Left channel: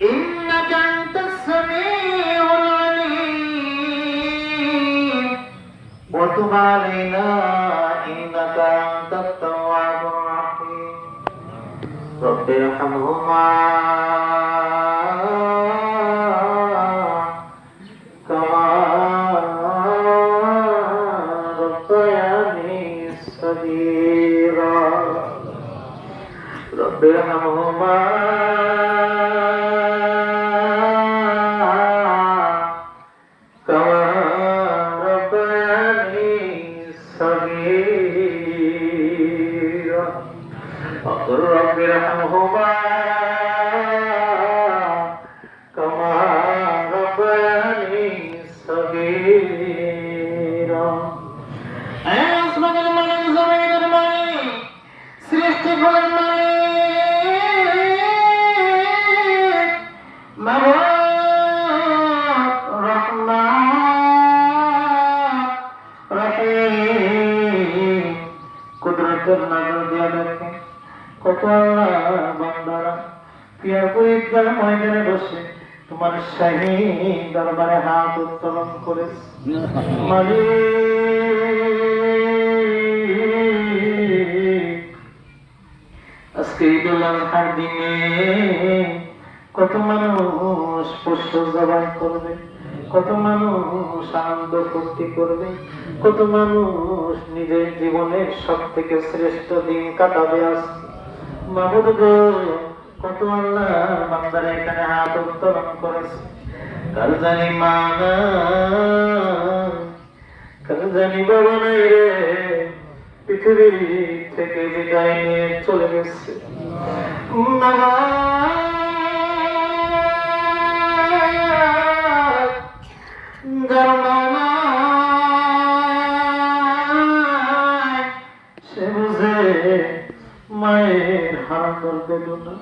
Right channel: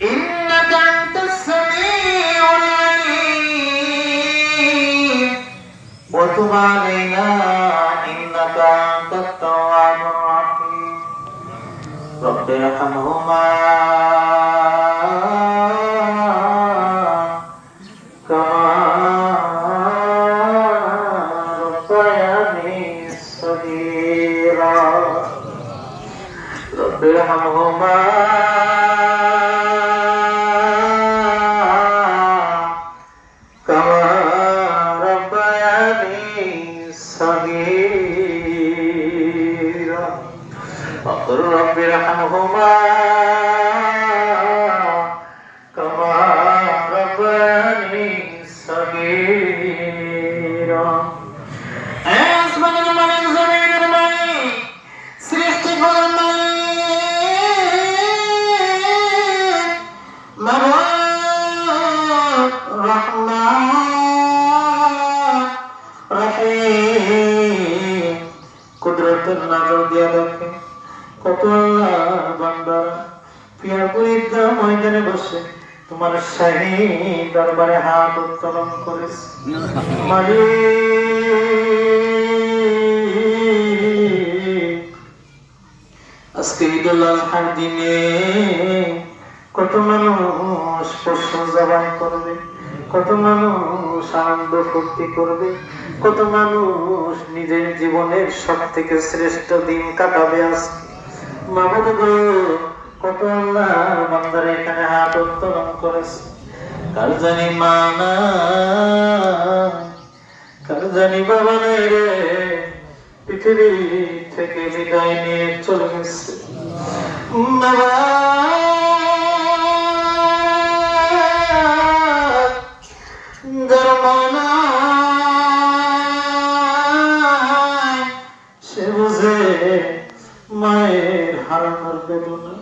إنك أنت السميع العليم وتب علينا إنك أنت التواب الرحيم رب ارحمهما كما ربياني صغيرا رب ارحمهما كما ربياني صغيرا وقل رب ارحمهما كما ربياني صغيرا আসমানের মালিক জমিনের মালিক সৃষ্টি করার মালিক মাবুদ রহমান রহিম কুদরতের নজর দিয়া দেখে কত আল্লাহ বান্দারা পিয়াপুরির ময়দানে বসে তোমার শাহী দরবারে হাত উত্তোলন করেছে মালিক আজকে ঈদুল আজহার দিনে কত মানুষ পশু জবান করবে, কত মানুষ আনন্দ ফুর্তি করবে, কত মানুষ নিজের জীবনের সব থেকে শ্রেষ্ঠ দিন কাটাবে আজকে। মাবুদ গো, কত আল্লাহ বান্দারা এখানে হাত উত্তোলন করেছে। কার জানি মা নাই, কার জানি বাবা নাই রে, পৃথিবী থেকে বিদায় নিয়ে চলে গেছে। বাবা যার মা নাই, সে বুঝে মায়ের হারানোর বেদনা।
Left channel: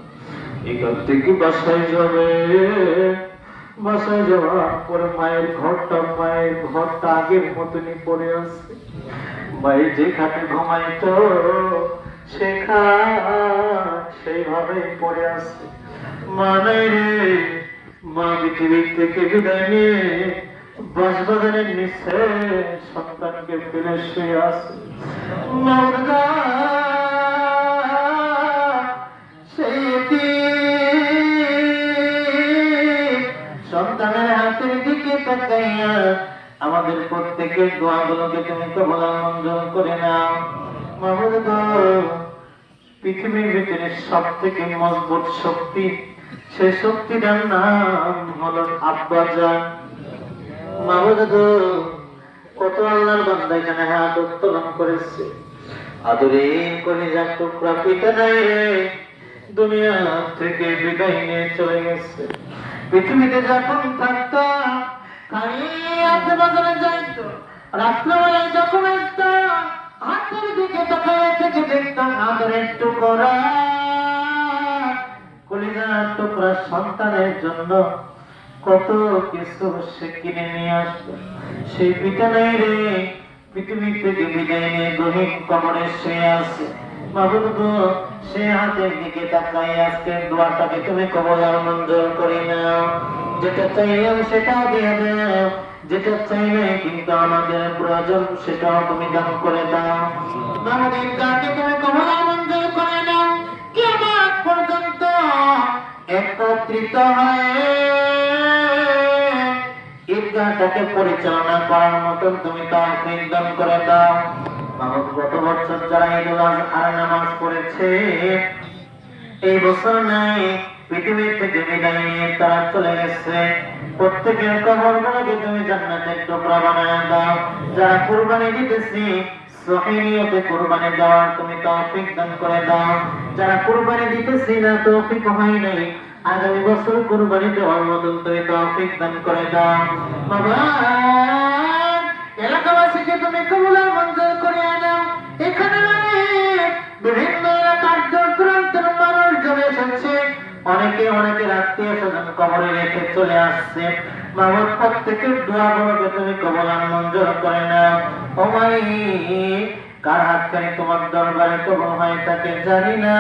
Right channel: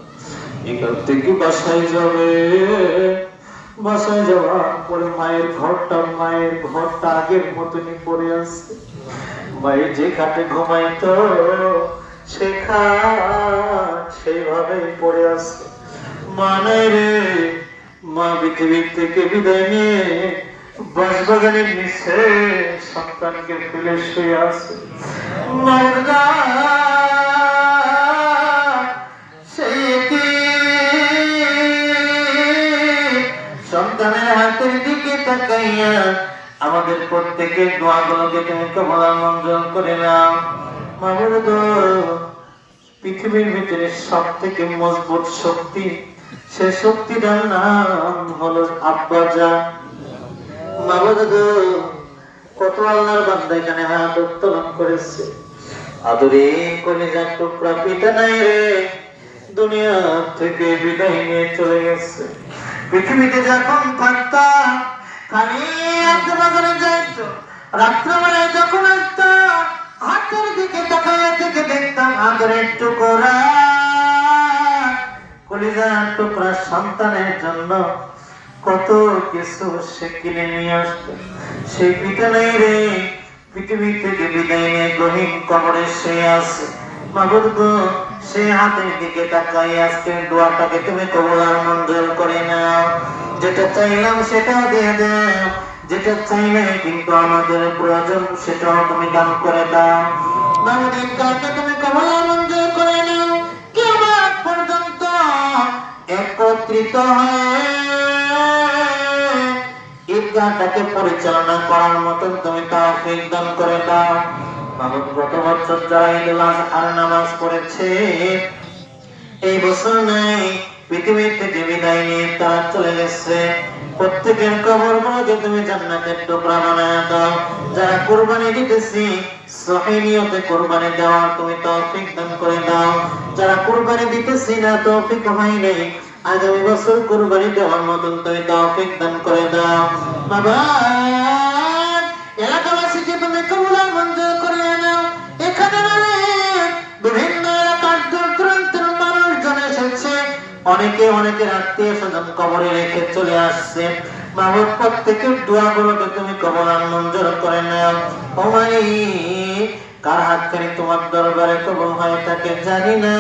এখান থেকে বাসায় যাবে, বাসায় যাওয়ার পরে মায়ের ঘরটা আগের মতনই পড়ে আছে। মায়ের যে খাটে ঘুমাইতো সে খাট সেইভাবেই পড়ে আছে। মা নাই রে, মা পৃথিবীর থেকে বিদায় নিয়ে বাঁশবাগানের নিচে সন্তানকে ফেলে শুয়ে আছে। মায়ের সন্তানের হাতের দিকে তাকাইয়া আমাদের প্রত্যেকের দোয়াগুলোকে তুমি কবুল মঞ্জুর করে নাও। মাবুদ গো, পৃথিবীর ভিতরে সব থেকে মজবুত শক্তি, সে শক্তিটার নাম হলো আব্বাজান। মাবুদ গো, কত আল্লাহর বান্দা এখানে হাত উত্তোলন করেছে। আদরে কলিজার টুকরা পিতা নাই রে, দুনিয়া থেকে বিদায় নিয়ে চলে গেছে। পৃথিবীতে যখন থাকতাম খালি আজকে বাজারে যাইতো, রাত্রবেলায় যখন আসতাম হাতের দিকে তাকাইয়া থেকে দেখতাম আদরের টুকরা কলিজার টুকরা সন্তানের জন্য কত কিছু সে কিনে নিয়ে আসতো। সেই পিতা নাই রে, পৃথিবী থেকে বিদায় নিয়ে গহীন কবরে সে আছে। মাবুদ গো, সে হাতের দিকে তাকাই আজকে দোয়াটাকে তুমি কবুল আর মঞ্জুর করে নাও। যেটা চাইলাম সেটা দিয়ে দাও, যেটা চাইলে কিন্তু আমাদের প্রয়োজন সেটাও তুমি দান করে দাও। আমাদের দোয়াকে তুমি কবুল আর মঞ্জুর করে নাও। কিয়ামত পর্যন্ত একত্রিত হয়ে ঈদগাহটাকে পরিচালনা করার মতন তুমি তৌফিক দান করে দাও। মাবুদ, গত বছর যারা ঈদুল আজহার নামাজ পড়েছে এই বছর নাই, পৃথিবী থেকে বিদায় নিয়ে তারা চলে গেছে। প্রত্যেকের কবরগুলোকে তুমি জান্নাতের টুকরা বানায় দাও। যারা কুরবানি দিতেছি সহিহ নিয়তে কুরবানি দেওয়ার তুমি তৌফিক দান করে দাও। যারা কুরবানি দিতেছি না, তৌফিক হয় নাই, আগামী বছর কুরবানি দেওয়ার মতন তুমি তৌফিক দান করে দাও। বাবা, এলাকাবাসীকে তুমি কবুল আর মঞ্জুর করে নাও। এখানে মানে বিভিন্ন এলাকার দূর-দূরান্তের মানুষজন এসেছে, অনেকে অনেকের আত্মীয় স্বজন কবরে রেখে চলে আসছে। মাবুদ, প্রত্যেকের দোয়াগুলোকে তুমি কবুল আর মঞ্জুর করে নাও। ও মালিক, কার হাতখানি তোমার দরবারে কবুল হয় তাকে জানি না,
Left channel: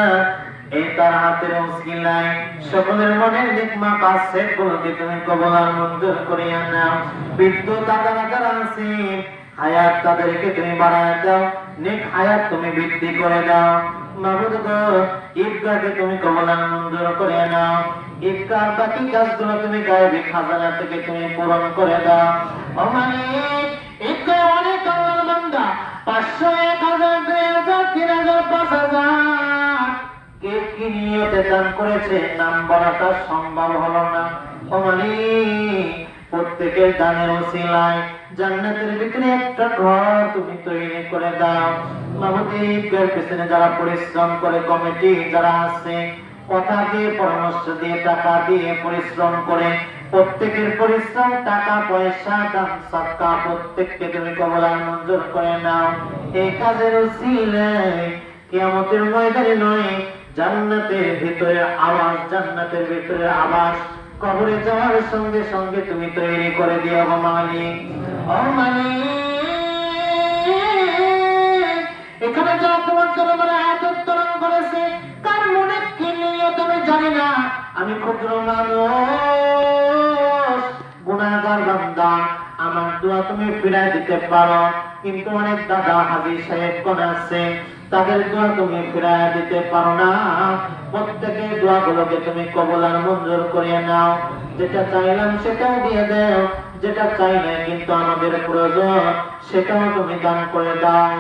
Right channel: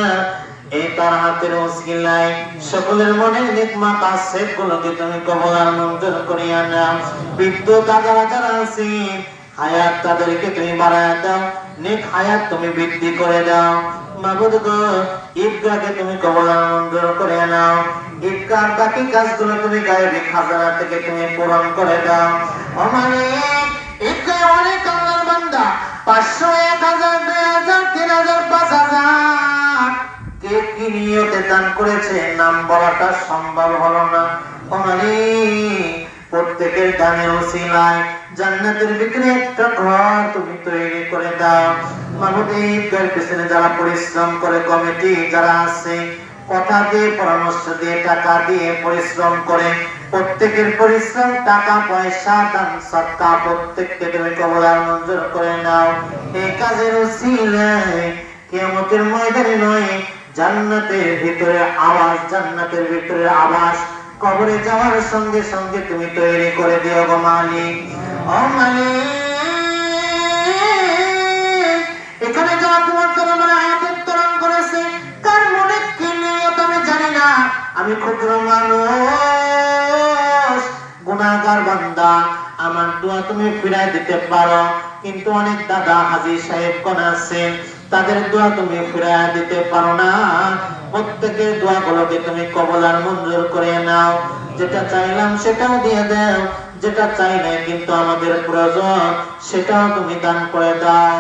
এই তার হাতের ওসিলায় সকলের মনে নেক মাকাসেদ গুলোকে তুমি কবুল আর মঞ্জুর করিয়া নাও। বিদ্যুৎ আদারা যারা আছেন হায়াত তাদেরকে তুমি বাড়ায় দাও, নেক হায়াত তুমি বৃদ্ধি করে দাও। মাবুদ গো, ঈদগাহকে তুমি কবুল আর মঞ্জুর করে নাও। ঈদগাহ বাকি কাজগুলো তুমি গায়েবী খাজানা থেকে তুমি পূরণ করে দাও। ও মালিক, ঈদগাহ অনেক আল্লাহর বান্দা 500, 1000, 2000, 3000, 5000 কে কি নিয়তে দান করেছে নাম বলাটা সম্ভব হলো না। ও মালিক, প্রত্যেকের দানের ওসিলায় জান্নাতের ভিতরে একটা ঘর তুমি তৈরি করে দাও। মাহবুব, এই ঈদগাহের পেছনে যারা পরিশ্রম করে, কমিটি যারা আছে, কথা দিয়ে, পরামর্শ দিয়ে, টাকা দিয়ে পরিশ্রম করে, প্রত্যেকের পরিশ্রম, টাকা পয়সা, দান সদকা প্রত্যেককে তুমি কবুল আর মঞ্জুর করে নাও। এই কাজের ওসিলায় কিয়ামতের ময়দানে নয়, জান্নাতের ভিতরে আওয়াজ, জান্নাতের ভিতরে আবাস কবরে যাওয়ার সঙ্গে সঙ্গে তুমি তৈরি করে দিও গো মালিক। ও মালিক, এখানে যারা তোমার দরবারে হাত উত্তোলন করেছে, কার মনে কি নিয়ত আমি জানি না। আমি ক্ষুদ্র মানুষ, গুনাহগার বান্দা, আমার দোয়া তুমি ফিরাই দিতে পারো, কিন্তু অনেক দাদা হাজী সাহেবগণ আছেন, তাদের দোয়া তুমি ফিরাই দিতে পারো না। প্রত্যেকের দোয়াগুলোকে তুমি কবুল আর মঞ্জুর করে নাও। যেটা চাইলাম সেটাও দিয়ে দাও, যেটা চাই না কিন্তু আমাদের প্রয়োজন সেটাও তুমি দান করে দাও।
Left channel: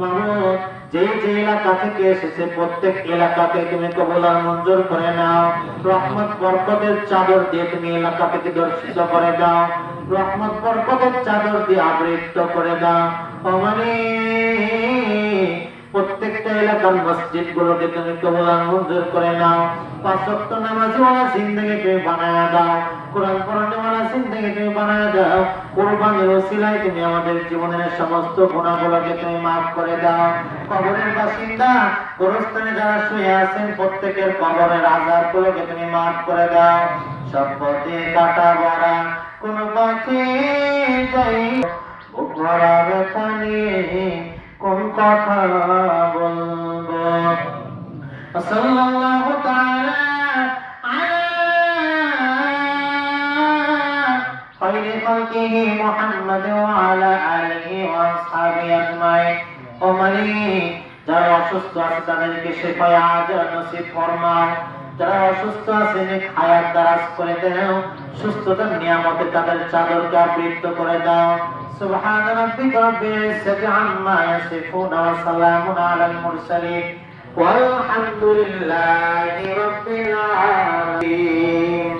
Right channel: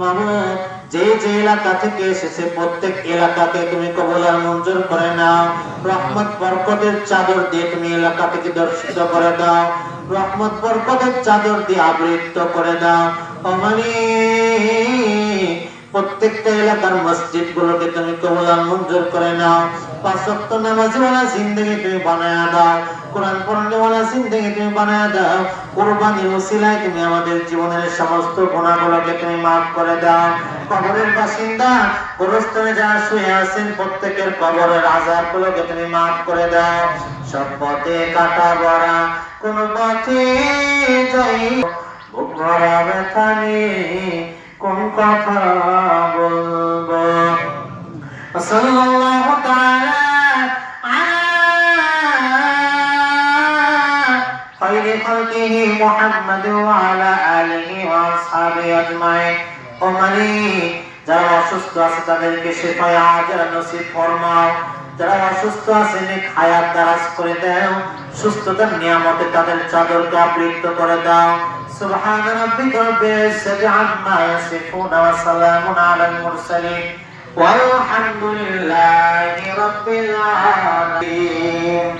মাবুদ, যে যে এলাকা থেকে এসেছে প্রত্যেক এলাকাকে তুমি কবুল আর মঞ্জুর করে নাও। রহমত বরকতের চাদর দিয়ে তুমি এলাকা থেকে দর্শিত করে দাও, রহমত বরকতের চাদর দিয়ে আবৃত করে দাও। ও মালিক, প্রত্যেকটা এলাকার মসজিদ গুলোকে তুমি কবুল আর মঞ্জুর করে নাও। 5 ওয়াক্ত নামাজি ওয়ালা জিন্দেগি তুমি বানায় দাও, কোরআন পড়ানো ওয়ালা জিন্দেগি তুমি বানায় দাও। কুরবানির ওসিলায় তুমি আমাদের জীবনের সমস্ত গুনাহগুলোকে তুমি maaf করে দাও। কবরের বাসিন্দা গোরস্থানে যারা শুয়ে আছেন প্রত্যেকের কবরের আযাবগুলোকে তুমি maaf করে দাও। সব পথে কাটা ভরা কোন পথে যাই, বুক ভরা ব্যথা নিয়ে কোন কথা বলবো। সাল্লাল্লাহু তাআলা আলা খায়রি খালকিহি মুহাম্মাদ ওয়া আলা আলিহি ওয়া আসহাবিহি আজমাইন। ও মালিক, যারা অসুস্থ আছে তাদেরকে শিফায়ে আজেল নসিব ফরমাও। যারা অসুস্থ আছে নেক হায়াত দারাজ করে দাও, সুস্থতার নিয়ামতে তাদের চাদরকে আবৃত করে দাও। سبحان ربك رب العزة عما يصفون وسلام على المرسلين والحمد لله رب العالمين.